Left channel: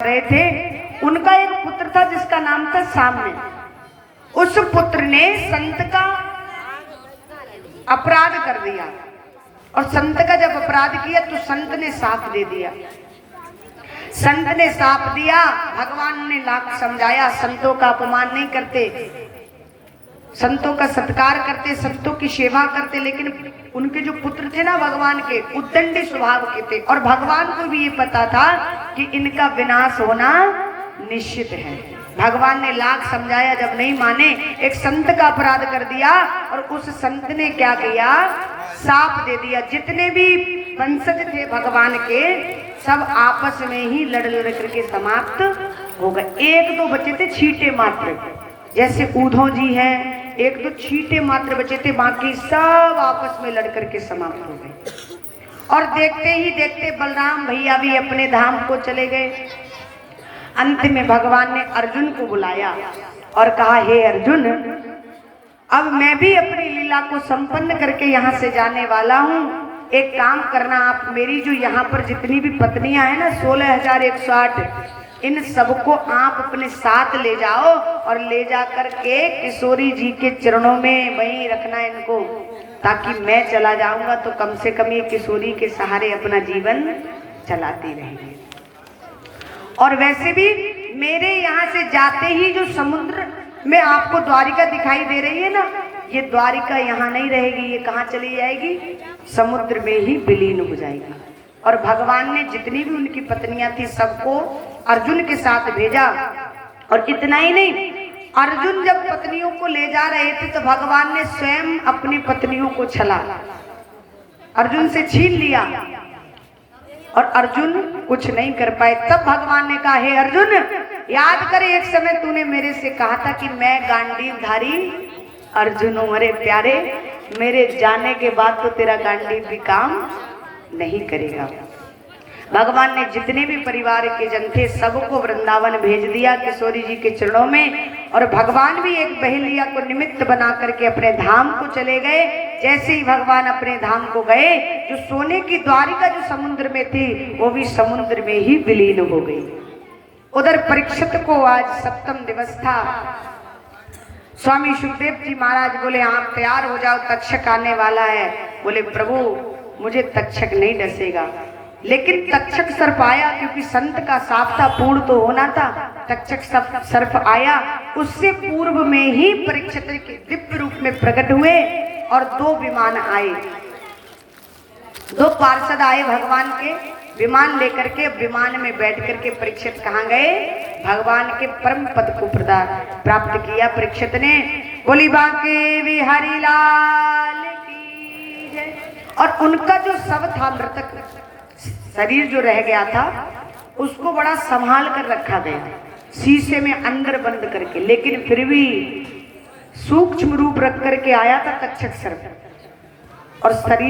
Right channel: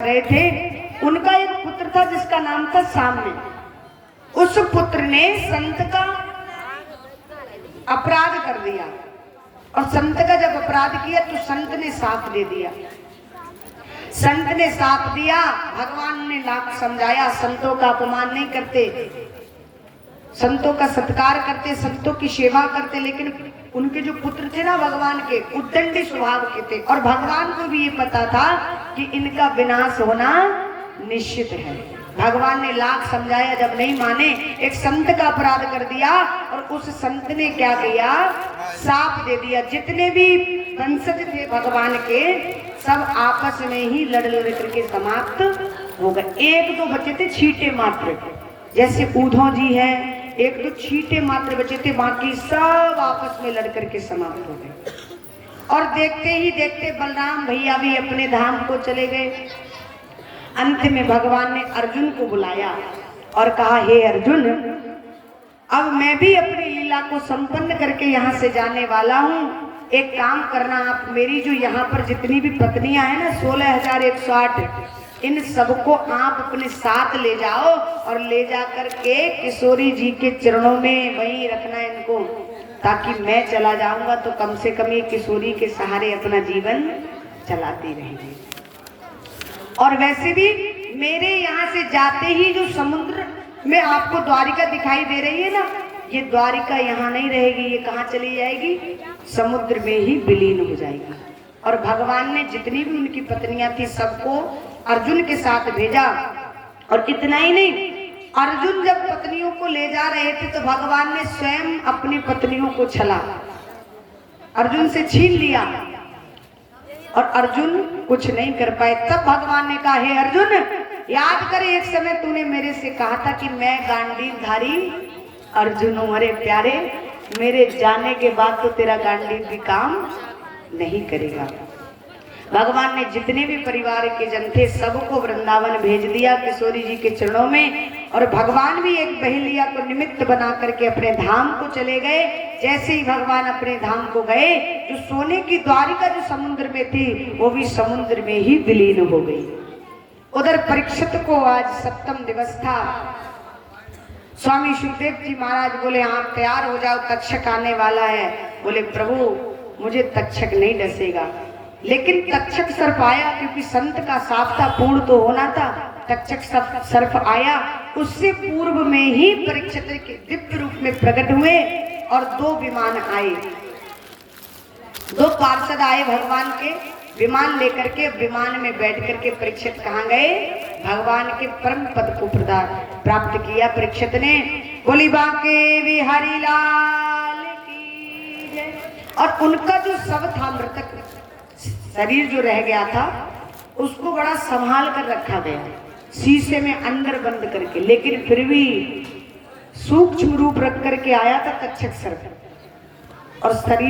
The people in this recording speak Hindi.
रहे थे। उनका एक पुत्र था जिसका नाम था साम्य। उस पुत्र ने संत का अपराध कर दिया और संत का जब अपराध किया तो संत ने साप दे दिया। संत ने साप दिया, भगवान ने लाख समझाया, संतों का अपमान नहीं करते, संतों का सत्कार करते, संतों की सेवा करते, लेकिन उनके जो पुत्र थे ना भगवान के, उद्दंडी स्वभाव के थे और भगवान को भी ये पता था कि इनका विनाश होना निश्चित है। भगवान ने लाख समझाया, जब नहीं माने, एक संत का अपराध कर दिया और उस संत ने क्या किया, साप दे दिया। जितने भी वंशज थे भगवान के सब आपस में ही लड़ करके समाप्त हो गए। एक दो बचे थे छींटे मात्र, जैसे ऊधो जी है, एक दो छींटे मात्र बचे थे, बाकी सब आपस में लड़ करके समाप्त हो गए। और देखते ही देखते बलराम भैया भी अपने धाम को चले गए। अंत में भगवान ने अर्जुन को बुलाया और कहा, हे अर्जुन, अब मैं भी अपनी लीला को संपन्न करके यहाँ से जाने वाला हूँ। एक काम करना, आप मेरी जो यहाँ पर जितनी भी पत्नियां हैं ना, 16,108, इन सबको आप अपने साथ ले जाओ और ले जा करके किशोरी जी के चरणों में वहीं रखना इनको, ताकि मैं चला जाऊंगा तो कम से कम ये किशोरी के सहारे अपना जीवन चलाती रहेंगे। और वैसे भी मेरे यहाँ से जाते ही जो समुद्र में आपको द्वारिका दिखाई दे रही है ना, ये द्वारिका यहाँ नहीं रहेगी, ये कहाँ चली जाएगी, समुद्र में ही विलीन हो जाएगी। और भगवान ने जितनी भी उनकी पत्नियां थी सबको अर्जुन के साथ भेजा। और इतना ही नहीं, अर्जुन जब पत्नियों को ले जा रहे थे तो भगवान ने स्वयं अपनी पत्नियों को छला अर्जुन से छीन लिया और अर्जुन कुछ नहीं कर पाए। तब भगवान ने कहा, हे अर्जुन, याद कर एक समय तूने मेरे से कहा था कि मैं गांडीवधारी अर्जुन हूं। अरे प्यारे, मेरे जाने के बाद तो तेरा गांडीव भी काम नहीं करेगा। भगवान ने जितने भी परिवार के जन थे सबको वृंदावन भेज दिया किशोरी जी के चरणों में। और भगवान भी एक बहेलिया को निमित्त बना करके अपने धाम को चले गए। जैसे ही भगवान अपने धाम को गए, जो सोने की द्वारिका जो समुद्र में थी वो भी समुद्र में ही विलीन हो गई। उधर परीक्षित को आज सप्तम दिवस था। स्वामी सुखदेव जी महाराज बोले, आप तैयार हो जाओ, तक्षक आने वाला है। बोले, प्रभु मुझे तक्षक नहीं डसेगा। लेकिन तक्षक सर्प आया, क्योंकि संत का साप था, पूर्ण तो होना था। तक्षक सर्प आया, उससे पूर्व में ही परीक्षित के दिव्य रूप में प्रकट हुए और दो विमान आए, दो पार्षद आए भगवान के विमान लेकर के। विमान में बैठ करके परीक्षित कहाँ गए, भगवान के परम पद को प्राप्त किया परीक्षित ने। बोली बांके बिहारी लाल की जय। और उनका जो शव था, मृतक शरीर जो रह गया था, उसको बड़ा संभाल कर रखा गया, शीशे में अंदर बंद करके। लेकिन फिर भी सूक्ष्म रूप रख करके आया था तक्षक सर्प और शरीर